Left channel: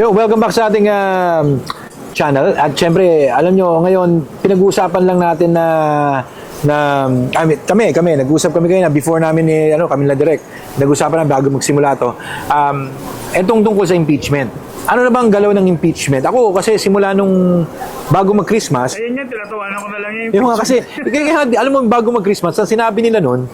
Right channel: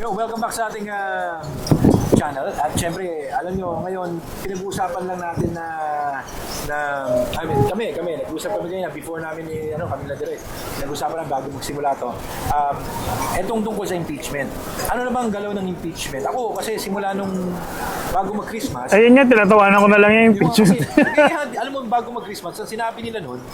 Yo, welcome back sa ating channel. At syempre, alam nyo, ngayon, pinag-uusapan lang natin kami, nag-usap kami kayo na before namin kami na direct. Nag-usapan na bago magsimula to. Etong tungkol sa impeachment. Ano na bang galaw ng impeachment? Ako, kasi simula nung bago mag-Christmas, Ayun nga, tinatawanan ko na lang yung yung impeachment. kasi, alam mo, bago mag-Christmas, ang sinabi nila nun,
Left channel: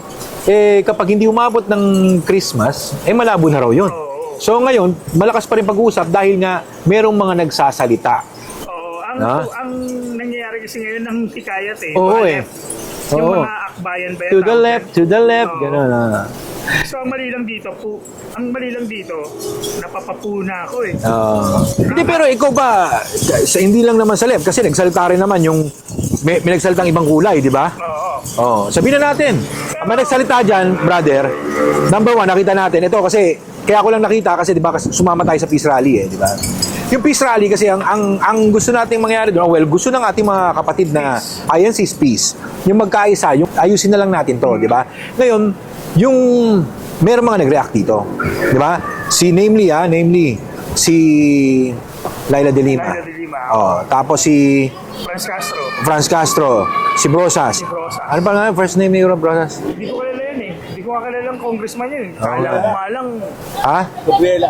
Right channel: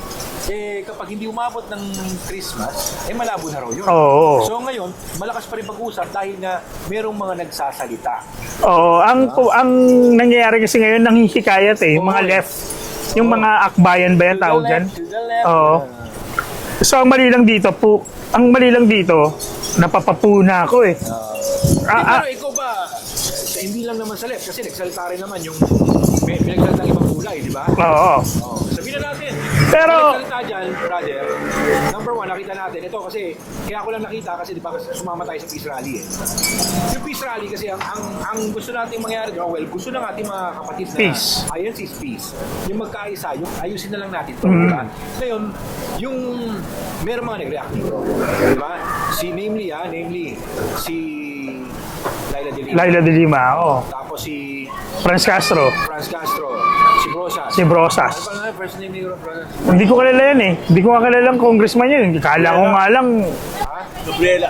kapag hindi umabot ng Christmas, malabo na raw yun. Oo. So ngayon, malakas pa rin pag-uusap dahil nga merong mga nagsasalita. Oo, ang nangyayari kasi ngayon, nanghihikayat yung mga Oo, left. Yung mga akbayan ba yan To the tawag left, dyan? to the left. Oo. Ganun, So ang mali lang dito, napapapuna ako eh. Hindi, pero ikaw ba, hindi lang naman sa left, kasi nagsalita rin naman yung, may nagsalitang ibang kulay, di ba? Oo. Oh, sabihin na natin. Pero- Ang nagsalita dyan, brother, number one, nakita natin. Ito kasi, kaya ako lang nakita kasi, di ba, kasi sumama tayo sa peace rally di ba? Yung peace rally kasi, ang gusto nating mangyari doon, gusto ng ating mga kapatid na Peace. INC is peace. Yung magkaisa, yung ayusin na lang natin to, di ba? Ngayon, yung meron mga nag-react dito, di ba? Namely, si Laila de Lima. Laila de Lima, Oh, tapos si Franz Castro, si Brosas. si Brosas. Ano pa nga first name ni Brosas? Hindi ko kilala yan eh. Hindi ko kilala ang congressman yun. Kala ko nga lang, Ha? Gabriela.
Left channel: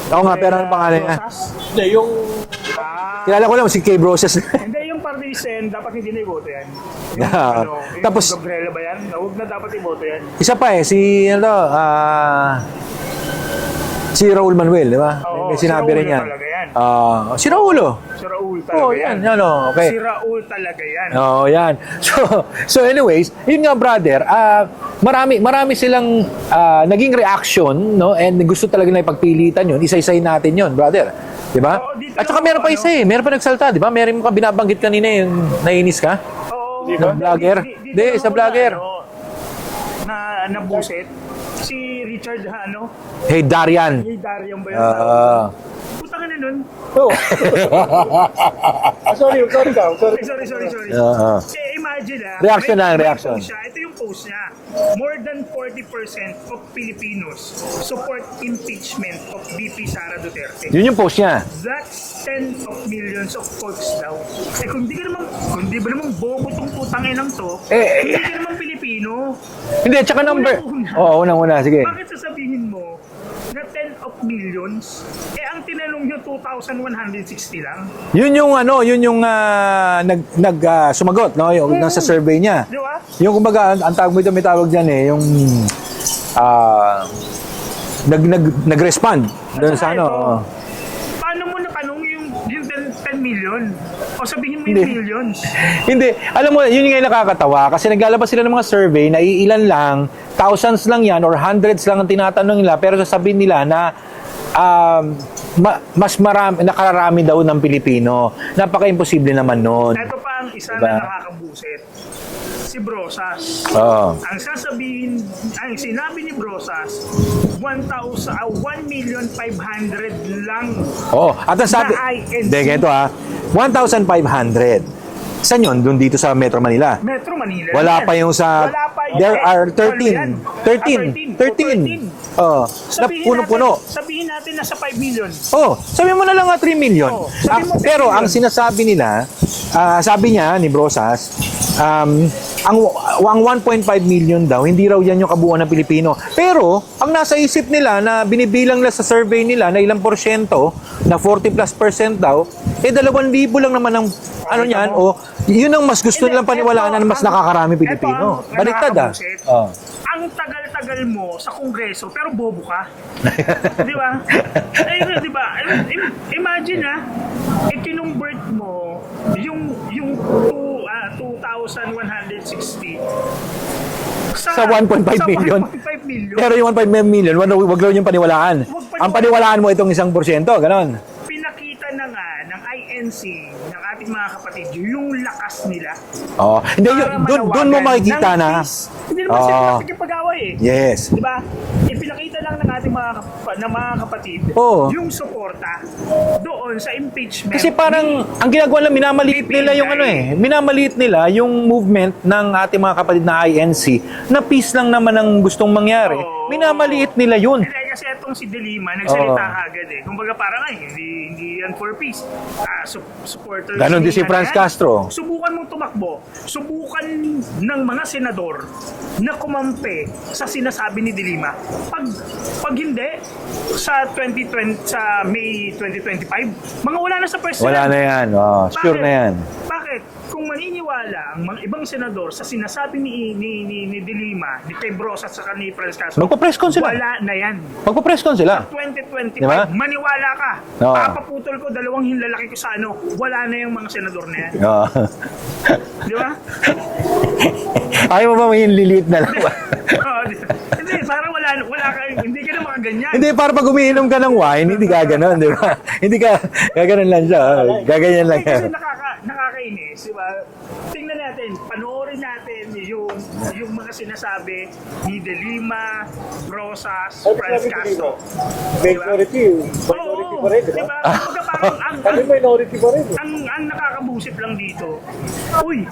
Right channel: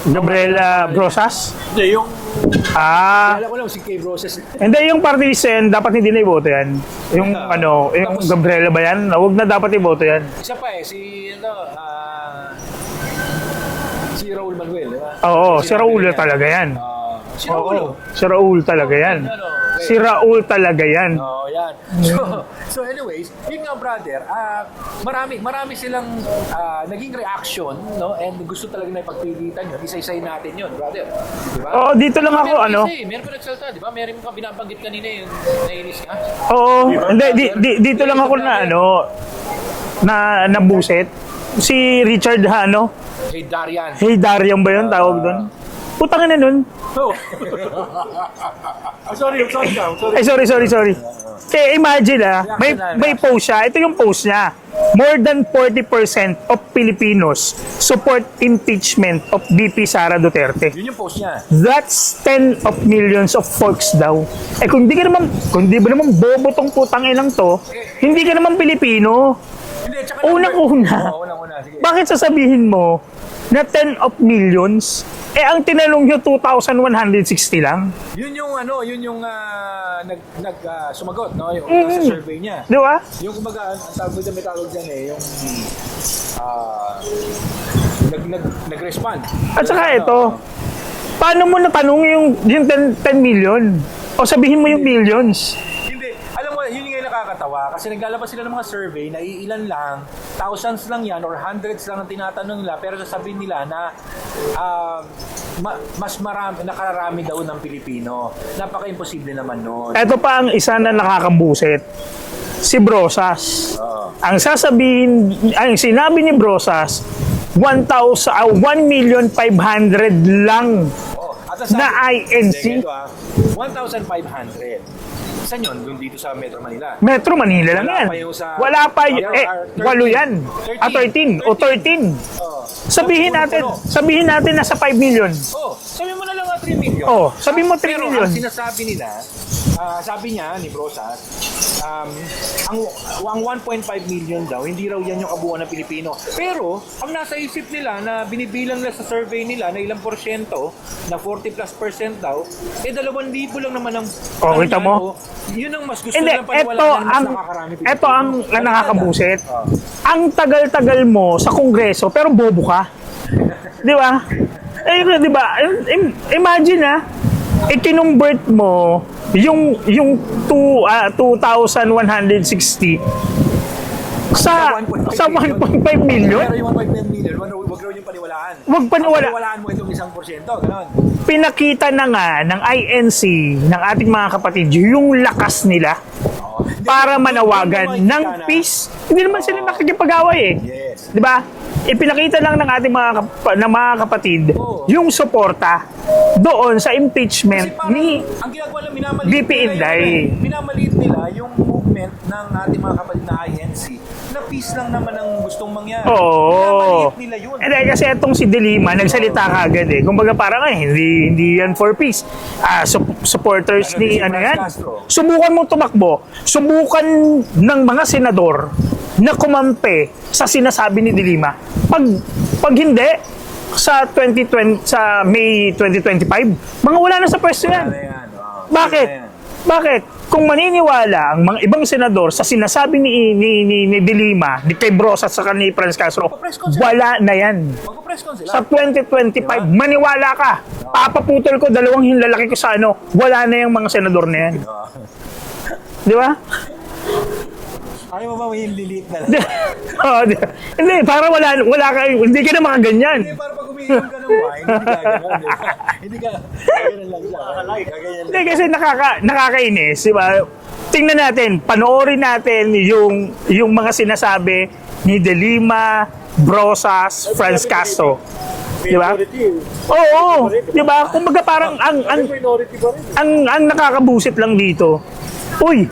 Gabriela Brosas. Hindi, yung Kilala ko lang si Kay Brosas. Hindi, yung party list yan, dapat hindi na iboto yan. Yung yung Tapos- Gabriela ba yan? Huwag na dapat iboto yan. Isa pa si Raul Manuel, di ba? Oo, May si sinabi Raul rin yan. talaga yan. Si Raul, oh. Si Raul talaga yan. Okay. Si Raul talaga yan. Oo, yan. So anyways, yun nga brother, marami silang naging reaction, no? And gusto talaga na ipagpilitan yun. Isa-isahin natin yun, brother. Di ba? Oo, dito At lang saka ako, meron pa isa meron pa nagsalta, di ba? Meron ka binabanggit kanina yung nainis ka. Oo, hindi, dito Hindi, lang sa ako vlogger. na nabuset. Si Richard Hey, Darian. Hey Darian ba yun tawag doon? Putang na nun. Oh. sorry ka. Ay, sorry. Kaya imagine Reaction na, may reaction. post siya. Ito yung post niya. More than 40% of Filipinos support impeachment of VP Sara Duterte. Yun yung post niya. That's 10 of millions of folks daw. Kung di ba naman bobo tong putang inang to, hindi ka naman Pilipino. Hindi, tsaka number. Unang-una. Oo, unang-una. Sige. Bakit sasabihin mo na 10 of millions, ang tinanong nyo 2,160 lang? Yun yung sumagot, no? Yung nasa survey niya. Di ba? Yung kumbaga, ang tawag mo ito, may tawag diyan yung nag-respond. At Doon saka sa ito, paano mo natanong yung 10 million? O sabihin mo yung Hindi. millions? Hindi, alam mo, yun yung nakakatawa kasi naglalabas sila ng mga survey na iilan lang, thousands lang yan or hundreds lang ang tinatanong nila pero sasabihin nila na mas marami, nakararami daw ng Pilipino. Napaka-imposible naman nun. Ito pa ang isa na nakakabuset. Si Brosas. Oo. Ang sinabi ni Brosas, 1,500,000 lang Oh, at ang sabi, na INC. Hindi, ganito 1,500. Saan yun? Doon dito sa Metro Manila. Metro Manila lang Wala yan. pa yung sa... Wala pa yung... There are 13. Walo yan. 13. Oh, Sabihin natin nasa 5 million. Oh, sabi mo na lang 3 million. Oh, sabi mo 3 pero million. ang sinasabi nila, sabi niya ni Brosas, ang 1.5 million daw, hindi raw yan yung kabuuan ng Pilipino. Pero, ang nasa isip nila na binibilang na sa survey nila na ilang porsyento, na 40+% daw, 2,000 lang naman ang ano kita yan, mo? yun ang mas gusto Hindi, nilang paniwalaan na mas nakakarami Pilipino. Ito ang nakakabuset. Oh. Ang tagal-tagal mo sa Kongreso, pero bobo ka. Di ba? Di ba? Imagine ikinumbert mo yung 2,160 Sa 1.5 million. 1.5 million. Pero yung 1.5 million, wag lang yung paniwalaan. Wag paniwalaan. Ang paniwalaan mo itong 1%, ganon. Pinakita na nga ng INC, ng ating mga kapatid, yung lakas nila Oh. Hindi, para doon mo manawagan ng makikita na. peace. Hindi naman sila nakikipag-away Yes. Di ba? ipinakita lang ng ating mga kapatid Oo. yung suporta doon sa impeachment Kasi parang, ang ginagawa lang, minamaliit VP nila yung Inday. minamaliit nila yung movement ng ating mga kapatid na INC na peace lang naman ang gustong mangyari. Oo. Minamaliit nila yun. Kasi itong si De Lima, nagsalita kagad eh. Kumbaga parang hindi yan for peace. Supporters Ganon din si Franz yan. Castro. Subukan mong tumakbo. Subukan ng mga senador na kumampi sa sinasabi ni De Lima. Pag hindi, sa May 2025, mga wala na sa pwesto Wala yan. na yan. Oh, sure Bakit? na yan. Bakit? Kung maniniwala ang mga ibang senador sa sinasabi ni De Lima, ni Kay Brosas sa ni Franz Castro, Magpa-press con sila. wala na yan. Magpa-press con Sa sila. 2025, Diba? maniwala ka. Oo. Papaputol ko 2 hinlalaki ko sa ano, wala na yung mga senador na yan. Oh. Di ba? Ayaw mo ba may liliit na lang? Oo, hindi, para wala ka, hindi ka na makaganyan. Hindi, para pag umiinom ka ng wine, hindi ka ganon, di ba? Hindi ka, gaganon lang siya. Gaganyan lang Hindi, kasi nakakainis, di ba? Tingnan natin, panoorin natin yung mga sinasabi ni De Lima, Brosas, Franz Castro. Di ba? Oo, di ba? Kumbaga parang ang nakakabusit lang dito. Uy,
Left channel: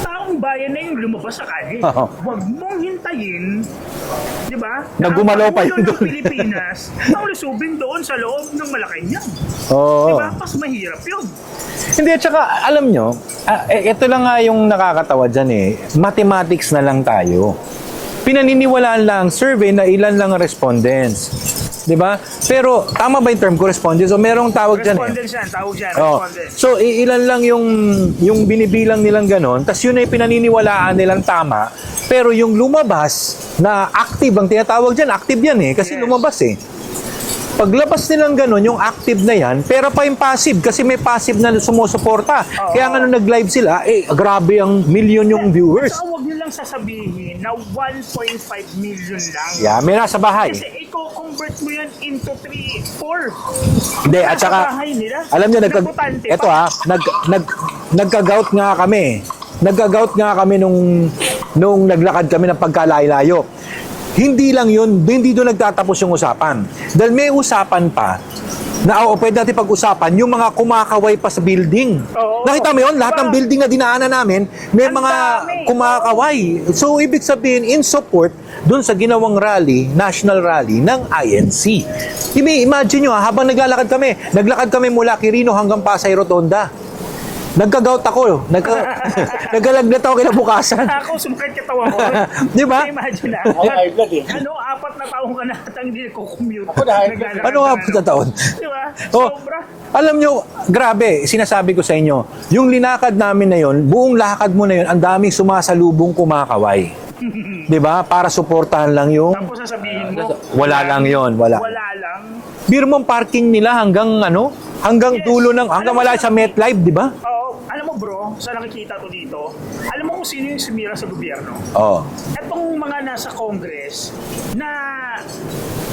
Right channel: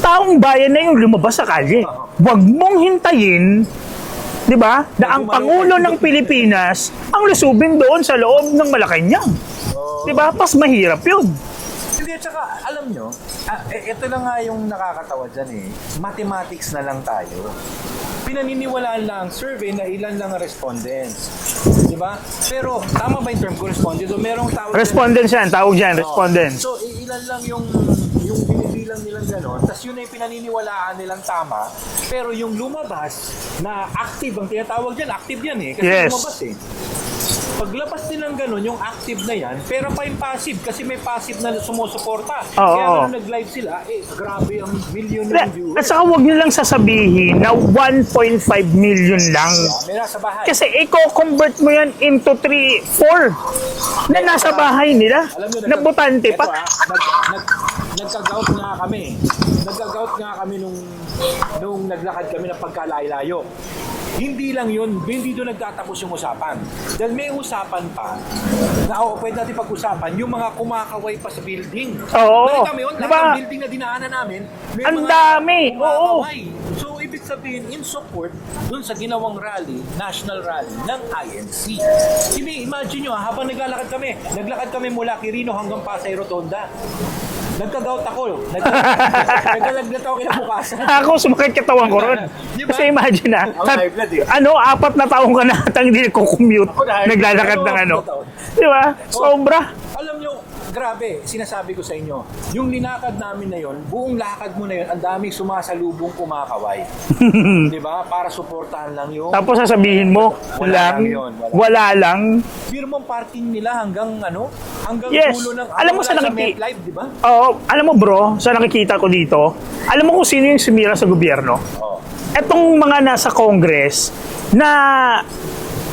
taong bayan na yung lumabas sa kalye. Oo. Huwag mong hintayin, di ba? Na ang Nagumalaw pa Pangulo yun ng doon. Pilipinas ang lusubin doon sa loob ng Malacanang. Oo. Di ba? Pas mahirap yun. Hindi, at saka, alam nyo, ito lang nga yung nakakatawa dyan eh. Mathematics na lang tayo. Pinaniniwalaan lang ang survey na ilan lang ang respondents. Di ba? Pero, tama ba yung term ko, respondents? O merong tawag dyan? Respondents yan, tawag dyan, Oo. respondents. So, ilan lang yung binibilang nilang ganon, tas yun ay pinaniniwalaan nilang tama, pero yung lumabas na active, ang tinatawag dyan, active yan eh, kasi Yes. lumabas eh. Paglabas nilang ganon, yung active na yan, pero pa yung passive, kasi may passive na sumusuporta. Oo. Kaya nga nung nag-live sila, grabe ang million yung viewers. At saka huwag nyo lang sasabihin na 1.5 million lang. Yeah, may nasa bahay. Kasi i-convert mo yan into 3, 4. Hindi, Na at nasa saka, bahay nila. alam niyo, na botante ito pa. nagka-gout nga kami. Nagka-gout nga kami nung naglakad kami ng pagkalayo-layo. Hindi lang yun, hindi doon nagtatapos yung usapan. Dahil may usapan pa na pwede natin pag-usapan yung mga kumakaway pa sa building. Oo. Nakita mo yun? Lahat Diba? ng building na dinaanan namin, may Ang mga dami. kumakaway. So, ibig sabihin, in support doon sa ginawang rally, national rally ng INC. Imagine nyo, habang naglakad kami mula Quirino hanggang Pasay Rotonda. Nagka-gout ako. Nagkalagnat ako kinabukasan. Ako, sumakit katawan ko. Di ba? Kasi imagine na. 4 na taong ka na hindi nagko-commute. Naglalakad Ano ng nga na taon? Di ba? Sobra. Alam nyo, grabe, sinasabi ko sa inyo, yung linakad namin na yon, buong lakad mo na yon, ang daming sumasalubong kumakaway. Di ba? Para suportahan lang yung... Tapos sasabihin mo, Wala lang yun, wala. Wala lang. Biro mong parking nila hanggang Yes. dulo ng... Alam Hanggang mo wala sa sa MetLife, di ba? Oo, alam mo bro, sa nakikita ko dito, alam mo kung sino yung sumira sa gobyerno? Oo. Etong mga nasa Congress na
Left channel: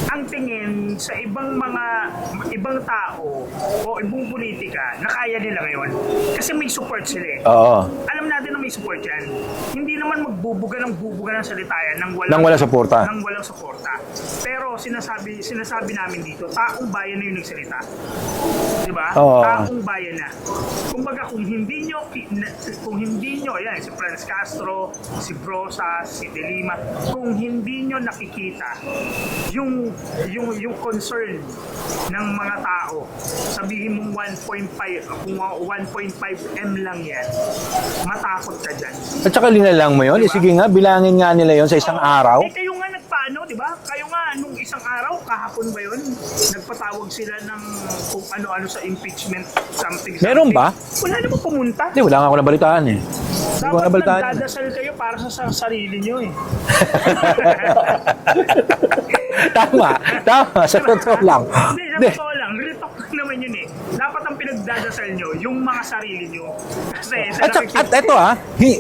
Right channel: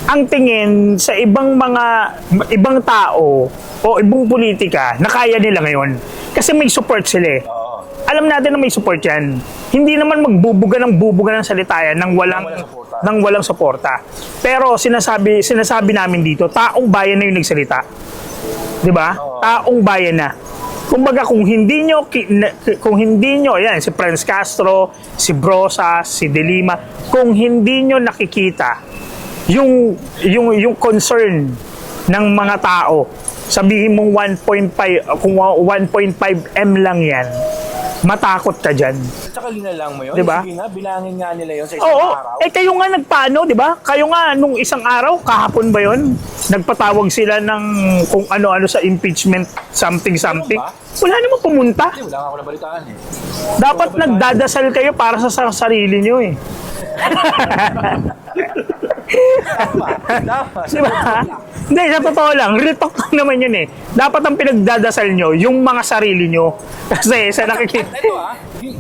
ang tingin sa ibang tao o ibang politika na kaya nila ngayon. Kasi may support sila eh. Oo. Alam natin na may support yan. Hindi naman magbubuga ng salita yan nang walang suporta. nang walang suporta. Pero sinasabi namin dito, taong bayan na yung nagsalita. 'Di ba? Oo. Taong bayan na. Kumbaga kung hindi nyo, ayan, si Franz Castro, si Brosas, si De Lima, kung hindi nyo nakikita yung concern ng mga tao, sabihin mong 1.5 kung 1.5 M lang yan, matakot ka dyan. At saka linalang mo yun. Diba? Sige nga, bilangin nga nila yon sa isang Oo. araw. Kayo nga nagpaano, di ba? Kayo nga nung isang araw, kahapon ba yon? Nagpatawag sila ng kung ano-ano sa impeachment, something. Meron ba? Wala namang pumunta. Hindi, wala nga ako nabalitaan eh. Dapat Wala balitaan. nagdadasal kayo para sa sarili nyo eh. Tama, sa totoo lang. Hindi, sa totoo lang. Real talk lang naman yun eh. Dapat ang pinagdadasal nyo, yung mga sarili nyo. Kasi sa At ito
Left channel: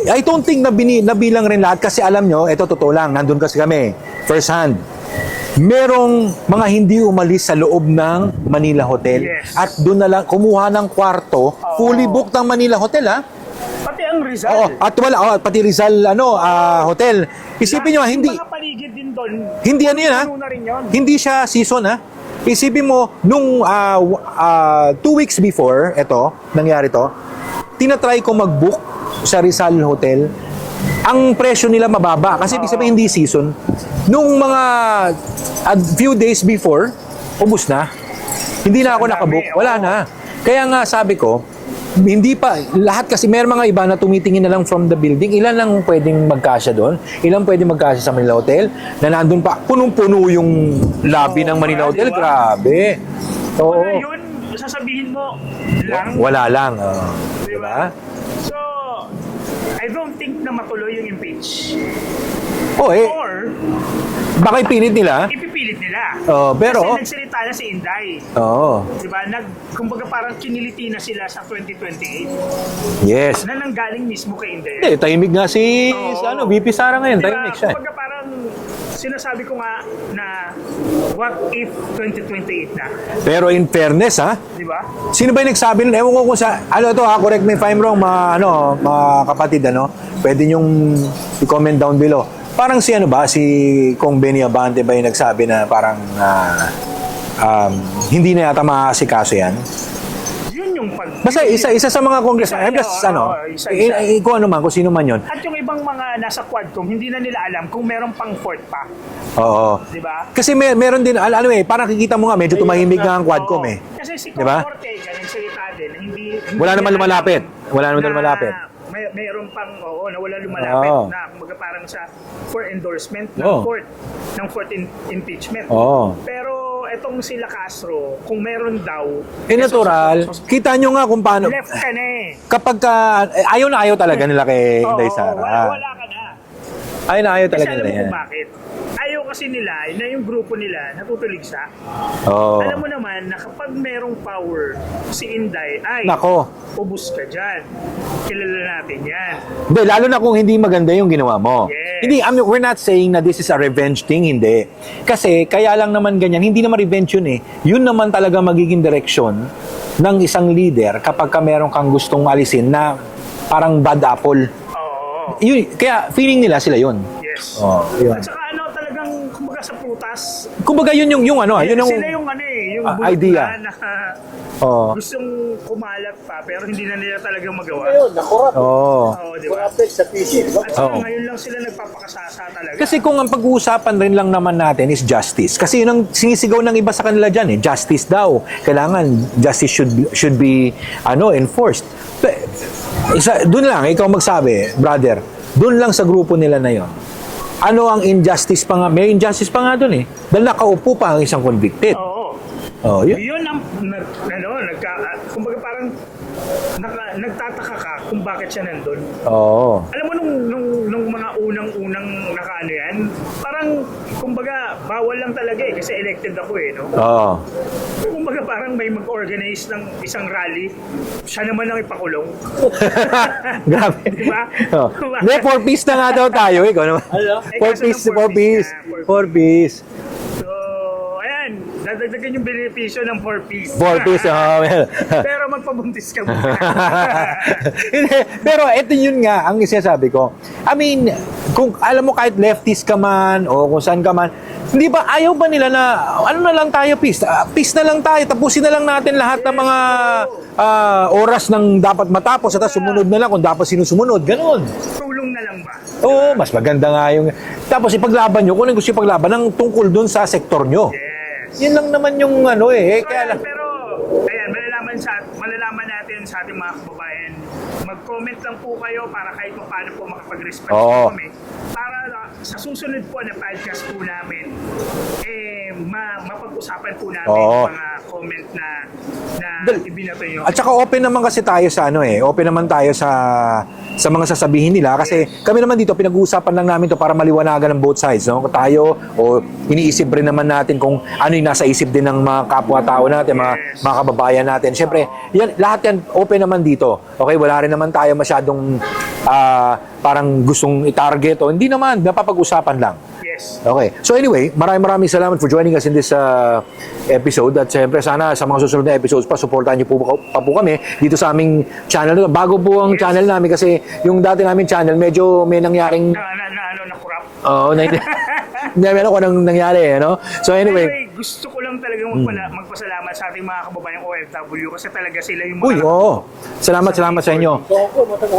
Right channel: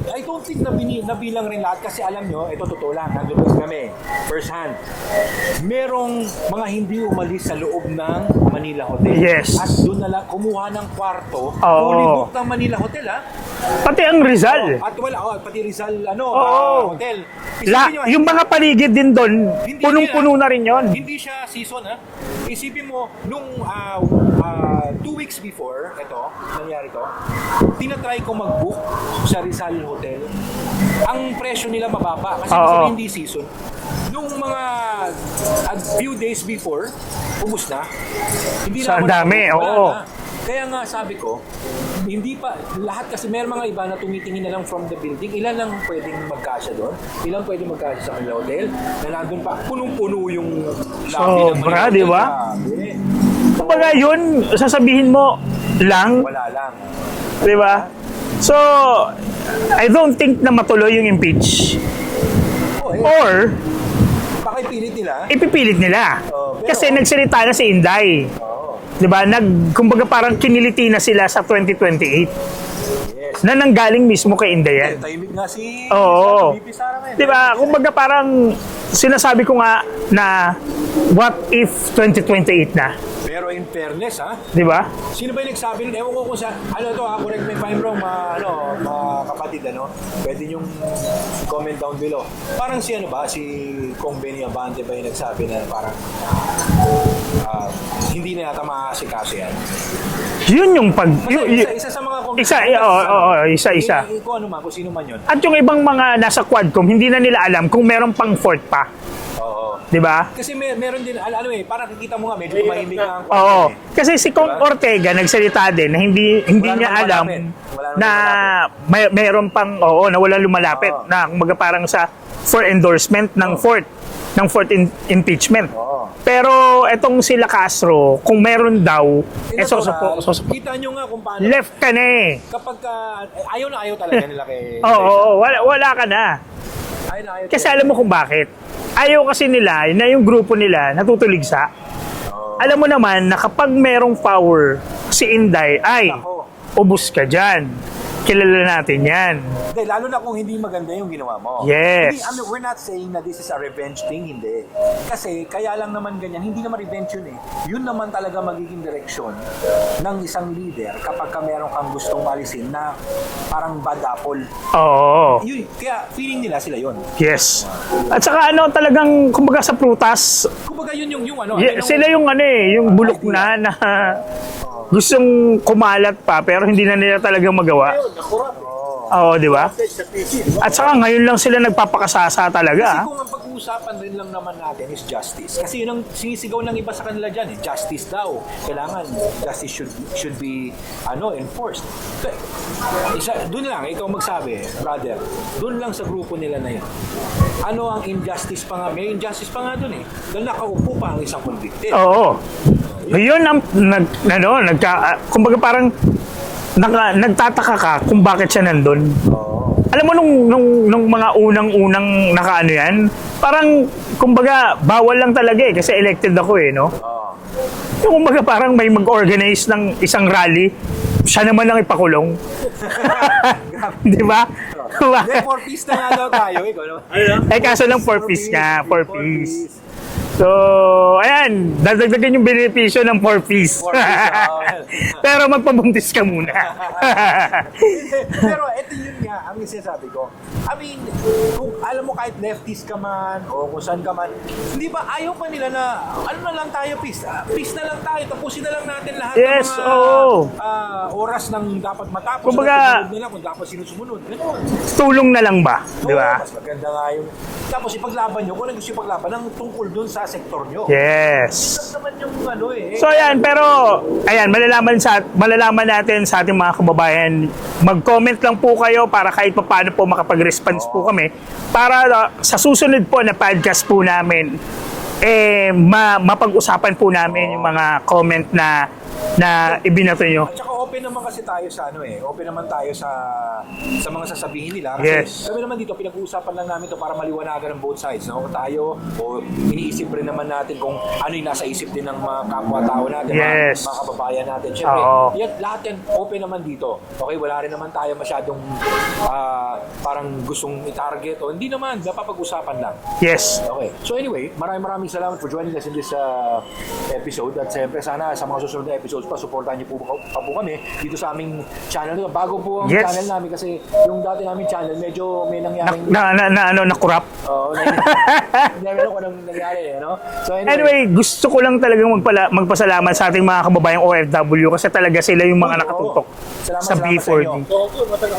I don't think nabilang rin lahat kasi alam nyo, ito totoo lang, nandun kasi kami, first hand. Merong mga hindi umalis sa loob ng Manila Hotel. Yes. At doon na lang kumuha ng kwarto, Oo. fully booked ang Manila Hotel Pati ang Rizal. At pati Rizal hotel. Isipin nyo, Yung mga paligid din doon, Hindi ano yun, punong-puno na rin yun. Hindi siya season, ha? Isipin mo, nung 2 weeks before, nangyari to, tinatry ko mag-book sa Rizal Hotel. Ang presyo nila mababa kasi ibig sabihin hindi season. Nung mga a few days before, ubus na. Hindi na Sa ako dami, nakabook. Wala oo. na. Kaya nga sabi ko, hindi pa, lahat kasi may mga iba na tumitingin na lang from the building. Ilan lang pwedeng magkasya doon? Ilan pwedeng magkasya sa Manila Hotel? Na nandun pa, punong-puno yung lobby ng Manila Hotel. diba? Grabe. Kumbaga yun, sasabihin mo lang, Wala lang. di ba? So, I don't think na matuloy yung impeach. Or, Baka ipilit nila. ipipilit nila. Pero, Kasi nagsalita na si Inday. Oo. Di ba? Kumbaga parang kiniliti na sila sa 2028 Yes. na nanggaling mismo kay Inday. Tahimik nga si Oo. VP Sara ngayon. Di ba? Tahimik siya. Kumbaga parang sinasabi ko nga na what if 2028 na? Pero in fairness, Di ba? sino ba yung nagsabi nun? Ewan ko kung sa, correct me if I'm wrong, mga kapatid, pwede nyong i-comment down below. Parang si Kong Benny Abante ba yung nagsabi na parang hindi na yata makakasikaso yan? Yun yung Kasi isa sa mga congressman, isa. kung ano man, kung sino man yun. At yung ibang mga nasa Quadcom, hindi na nila alam kung meron pang fourth pa. Oo. Di ba? Kasi meron din, parang kikita mo nga, medyo tumahimik nga ang Quadcom . Kasi si Kong Diba? Ortega nagsalita din na hindi Wala niya naman alam lumalapit. Wala naman na lumalapit. meron pang, na wala lumalapit. Oo. Na kumbaga parang for endorsement ng Oo. fourth impeachment. Oo. Pero etong sila Castro, kung meron daw, Natural. Kita nyo nga kung paano. left ka na eh. Kapag ayaw na ayaw talaga nila kay Oo, Inday Sara. wala ka na. Ayaw na ayaw talaga Kasi alam mo nila kung yan. bakit. Ayaw kasi nila na yung grupo nila natutuligsa. Oo. Alam mo naman na kapag merong power si Inday, Nako. ubus ka dyan. Kilala natin yan. Hindi, lalo na kung hindi maganda yung ginawa mo. Yes. Hindi, we're not saying na this is a revenge thing, hindi. Kasi, kaya lang naman ganyan, hindi naman revenge yun eh. Yun naman talaga magiging direksyon ng isang leader kapag ka meron kang gustong alisin na parang bad apple. Oo. Yun, kaya feeling nila sila yun. Yes. Yun. At saka talagang, kumbaga sa prutas, Kumbaga yun yung yun yung sila yung yung bulok idea. na Oo. gustong kumalat pa pero hindi na nila talagang magawa. Nakurap. Oo. Oo, di ba? Sa PC, di ba? At saka ngayon lang sila nagpapakasasa talaga. Kasi kung ang pag-uusapan rin lang naman natin is justice. Kasi yun ang sinisigaw ng iba sa kanila dyan justice daw. Kailangan justice should be enforced. Doon lang, ikaw magsabi, brother, doon lang sa grupo nila na yun. Ano ang injustice pa nga? May injustice pa nga doon eh. Dahil nakaupo pa ang isang convicted. Oo. Yun. Yun ang kumbaga parang nagtataka ka kung bakit siya nandun. Oo. Alam mo nung mga unang nakaano yan, parang kumbaga bawal lang talaga eh kasi elected ako no. Oo. Yung kumbaga parang may mag-organize ng isang rally, siya naman lang ipakulong. Grabe. Di ba? Hindi, 4 piece na nga daw tayo. Ikaw naman. Ay, kaso lang 4 piece nga. 4 4 piece. So, ayan, dadagdagan yung benepisyo ng 4 piece. 4 piece, well. Pero magpabuntis ka muna. Hindi, pero ito yun nga ang sinasabi ko. I mean, kung alam mo kahit leftist ka man o kung saan ka man, hindi ba ayaw ba nila na na lang tayo peace? Peace na lang tayo. Tapusin na lang natin lahat ng Yes, mga oo. oras ng dapat matapos at Kumbaga, sumunod na lang kung dapat sinusumunod. Ganon. Tulong na lang ba? Di Oo, ba? mas maganda nga yung... Tapos ipaglaban nyo kung ano gusto ipaglaban ng tungkol dun sa sektor nyo. Yes. Yun lang naman yung So ayan, pero ayan, malalaman natin sa ating mga kababayan. Mag-comment lang po kayo para kahit paano po makapag-response Oo. po kami. Para sa susunod po na podcast po namin, mapag-usapan po namin Oo. yung mga comment na ibinato nyo. At saka open naman kasi tayo sa open naman tayo sa mga sasabihin nila kasi Yes. kami naman dito pinag-uusapan lang namin to para maliwanagan ng both sides, no? Tayo o iniisip rin naman natin kung ano yung nasa isip din ng mga kapwa-tao natin, Yes. mga kababayan natin. Siyempre, Oo. lahat yan open naman dito. Okay, wala rin naman tayo masyadong parang gustong i-target o hindi naman, napapag-usapan lang. Yes. Okay. So anyway, maraming salamat for joining us in this episode at siyempre sana sa mga susunod na episodes pasuportahan niyo po pa po kami dito sa aming channel. Bago po ang Yes. channel namin kasi yung dati namin channel medyo may nangyaring na corrupt. Oo, hindi meron ko nang nangyari, no? So Anyway, gusto ko lang talagang magpasalamat sa ating mga kababayang OFW kasi talaga sila yung mga Uy, oo. nakatutok. Salamat sa inyo.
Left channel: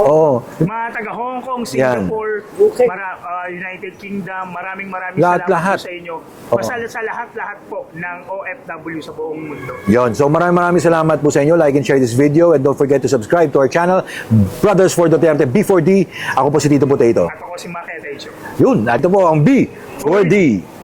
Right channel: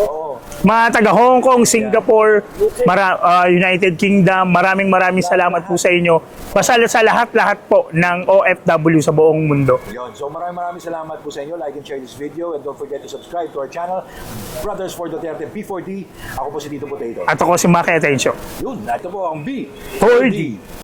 Oo. Mga taga Hong Kong, Singapore, United Kingdom, maraming salamat Lahat. po sa inyo. Pasal sa lahat po ng OFW sa buong mundo. Yon. So maraming salamat po sa inyo. Like and share this video and don't forget to subscribe to our channel, Brothers for Duterte B4D. Ako po si Tito Potato. At ako si Maki Atencio. Yun, ito po ang B4D.